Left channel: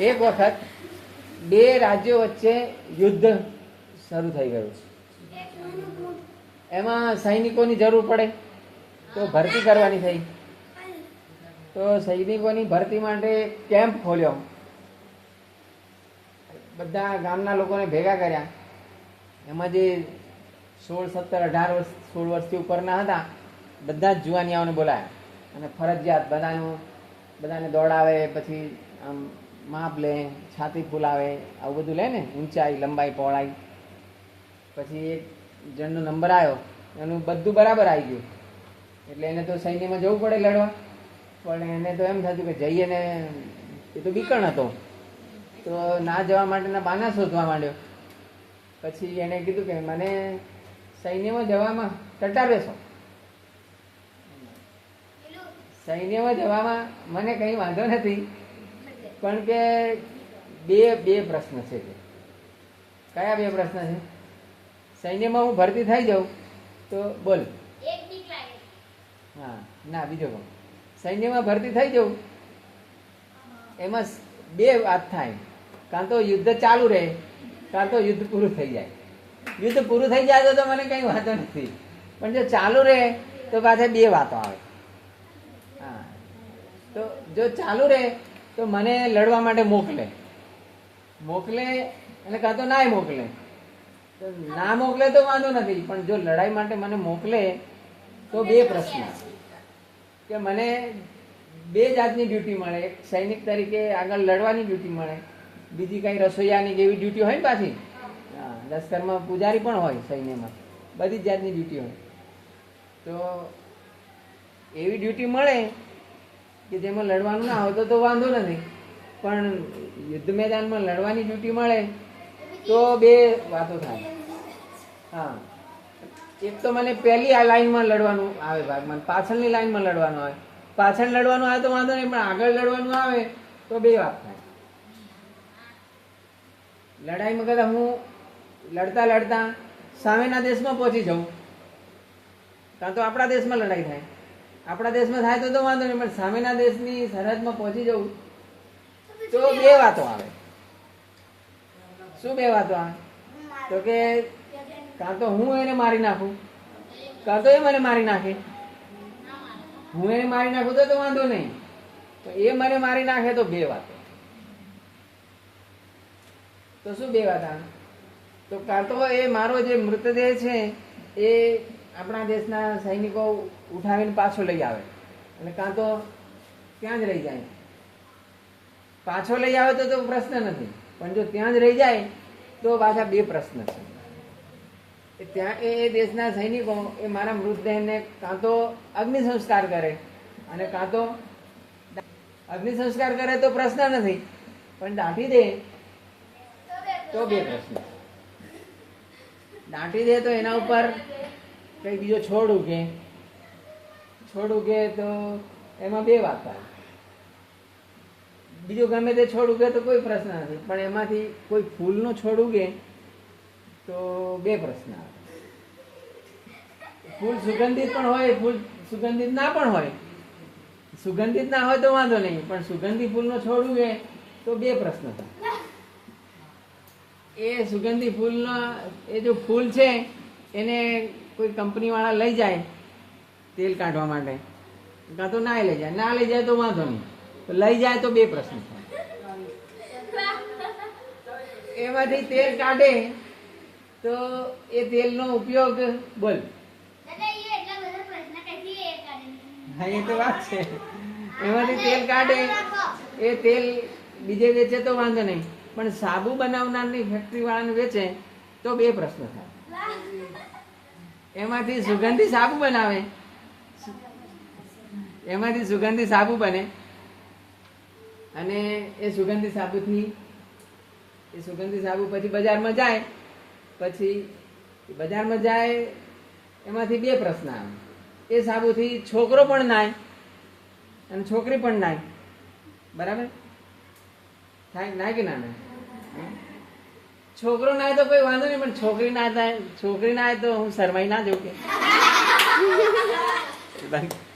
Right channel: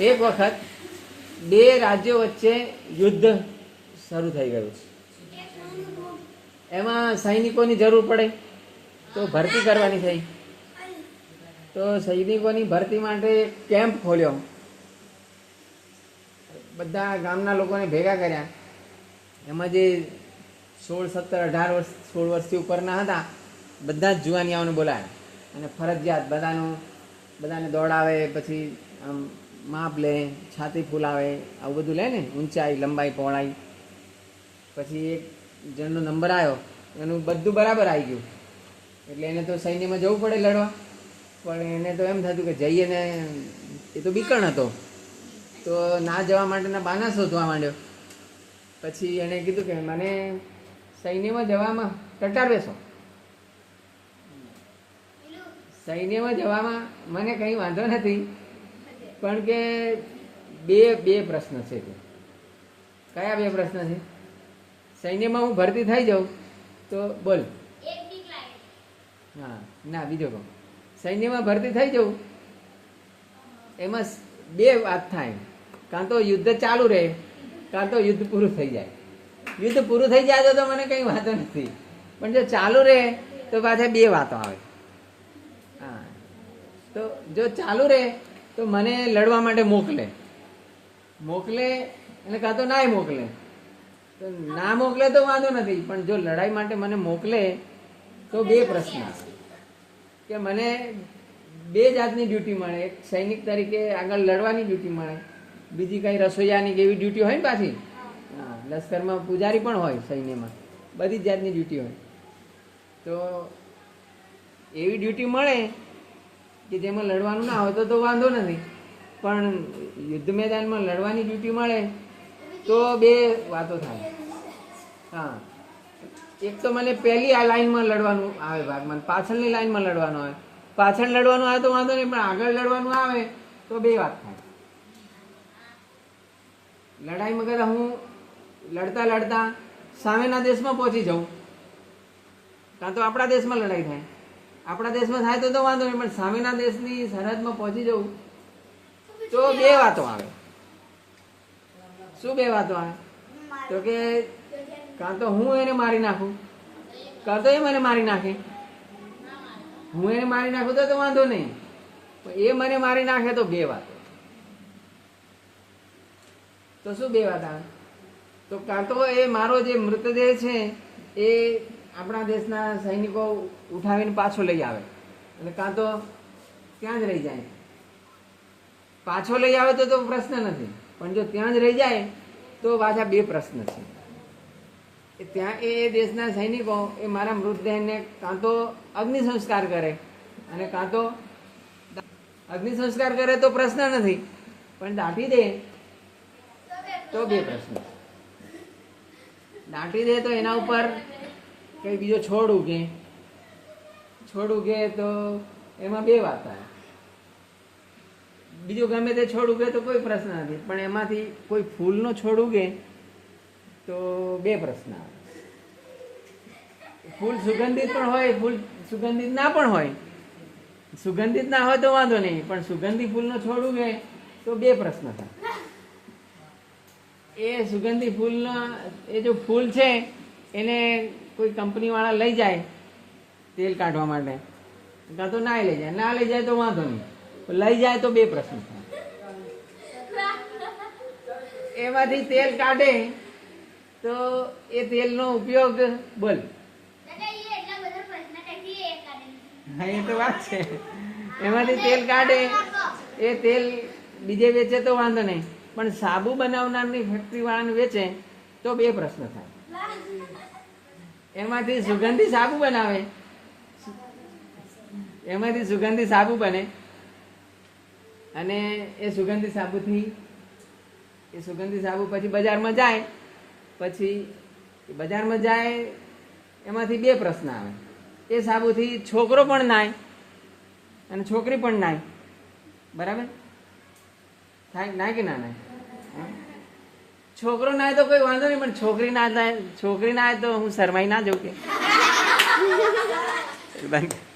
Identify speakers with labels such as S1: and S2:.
S1: એક વખત બે રાજ્યો વચ્ચે યુદ્ધ શરૂ થઈ ગયું એમાં સૈનિકોની જરૂર પડે તો ભરતી કરવાની થઈ. તો સૈનિકોની ભરતી માટે કેમ્પ ખોલ્યો. બધા ગામના લોકોને ભેગા કર્યા. એમાં જે સોળ, સત્તર, અઢાર વર્ષ, સોળ વર્ષથી ઉપરના હતા, બધા જ જુવાનિયાઓને બોલાયા. અને ફરજિયાત બધાનું, બધાને દોડાવે, પછી આમ માપ લે, છાતી ફૂલાવે, આવું બધું લે ને, ઊંચાઈ, લંબાઈ, પહોળાઈ. પછી એક જણનો નંબર આવ્યો, એનું બધું બરાબર આવી ગયું. એટલે એને તો સૈન્યમાં જવું પડે લડવા. પણ એને તો એમ થતું કે જઈએ ને, એ તો બીકણ હતો. તો ના જવા માટેના બાના શોધવા માંડ્યો. પછી એણે કીધું કે મને સૈન્યમાં જવામાં ટટાર બેસો. સૈન્યમાં જવામાં મને કંઈ વાંધો નથી. પણ કે બે બે પ્રશ્ન છે કયા બે પ્રશ્ન છે? સૈન્યમાં હું ભરતી થઈ જાઉં તો બોલ. હા, ના, બીજો કહું સૈન્યમાં ભરતી થઈ જવું એમાં બે વાત થાય. કાં તો યુદ્ધ ચાલુ રહે, કાં તો યુદ્ધ પૂરું થઈ જાય. યુદ્ધ પૂરું થઈ જાય તો મને કંઈ વાંધો નથી. પણ જો ચાલુ રહે તો પાછા બે વાતો આવે. હા. તો જો ચાલુ રહે તો મને લડવા માટે મોકલે. મોકલે એટલે કાં તો નાય મોકલે. તો ના મોકલે તો વાંધો નથી, પણ જો લડાઈ માટે મને મોકલે તો બે પ્રશ્ન. કે મને બે જાતની ડ્યુટી મળે. એક સૈનિક તરીકે આગળ લડવાની ડ્યુટી મળે. બીજી કઈ રસોઈયાની જેવી ડ્યુટી હોય ને પાછી? લશ્કરમાં પૂજારી પણ હોય સૈન્યમાં. બધી જ જાતની ડ્યુટી હોય. તો એવી ડ્યુટી મળે કે જેમાં લડવાનું ના હોય તો વાંધો નથી. પણ યુદ્ધ મેદાનમાં લડવાની ડ્યુટી મળે તો બે વાતો થાય. હા. એક તો મને પહેલી આ લાઈનમાં લડવાનું આવે ભાગ. મને પાછળની લાઈનમાં લડવાનું આવે. પાછળ લડવાનું આવે તો વાંધો નહીં, પણ આગળ લડવાનું આવે તો બે વાત થાય. લડાઈમાં કદાચ હું લડતા લડતા સામેના દેશમાં પહોંચી જાઉં. કાં તો આપણા દેશમાં લડાઈ થાય. આપણા દેશમાં થાય તો તો વાંધો નહીં પણ સામેના દેશની સરહદમાં પહોંચી જવું તો બે વાતો આવે. શું બે વાતો આવે? તો કે કાં તો હું એને મારી નાખું? કાં તો એ મને મારી નાખે? હું એને મારી નાખું તો તો વાંધો નહીં. પણ એ મને મારી નાખે તો બે વાતો. તો શું બે વાત આવે? તો કાં તો એ મારો જે મૃતદેહ છે એ આપણા દેશના સૈનિકો ઉઠાવીને પાછો લઈ આવે. અને કાં તો ત્યાં જ રહી જાય. પાછો લઈ આવે તો તો પ્રશ્ન નથી. પણ જો ત્યાં જ રહી જાય, તો પાછા બે પ્રશ્ન છે. ત્યાં એ દેશના સૈનિકો એ મારા મૃતદેહને કાં તો અગ્નિ સંસ્કાર કરે. અને કાં તો અગ્નિ સંસ્કાર કરે તો પ્રશ્ન નથી. પણ દાટી દે તો બે પ્રશ્ન દાટી દે તો એના ઉપર કઈ બીજો છોડ ઉગે? છોડ ઉગે તો એમાં બે વાત બીજો ગમે તે છોડ ઉગે તો કોઈ પ્રશ્ન નથી, પણ એમાંથી કોઈ ફૂલનો છોડ ઉગે તો બે પ્રશ્ન આવે. ફૂલ સુગંધિત પણ હોય, ફૂલ સુગંધિત ના પણ હોય. સુગંધિત ના હોય તો વાંધો નહીં, પણ સુગંધી ફૂલનો છોડ ઉગે તો બે પ્રશ્ન છે એ સુગંધી ફૂલનો, એ જો ફૂલ છે, એને કોઈ કંપનીવાળા લઈ જાય તેલ કાઢવા માટે, કાં તો ના લઈ જાય. ના લઈ જાય તો વાંધો નહીં. લઈ જાય તો બે પ્રશ્ન એમાંથી તેલ કાઢે તો એ તેલનો ઉપયોગ બોલ. હા, એ તો વાત છે. એમાંથી તેલ કાઢે, એ તેલ બીજે વેચે તો વાંધો નહીં. પણ સાબુ બનાવનારની ફેક્ટરી વાળાને વેચે તો બે પ્રશ્ન થાય. એમાંથી સુગંધી સાબુ બનાવે. એમાંથી સુગંધી સાબુ બને. અને એ સુગંધી સાબુથી, એ સુગંધી સાબુ પછી બજારમાં જાય, પછી બજારમાં જાય, એમાંથી બે પ્રશ્ન આવે. એ સાબુથી છોકરો પણ નાય અને છોકરી પણ નાય. બરાબર? નાય કે ના નાય? છોકરો ના તો કોઈ વાંધો નહીં, પણ છોકરી ના થાય, છોકરી ના તો હું શરમાઈ ના જોઉં કે.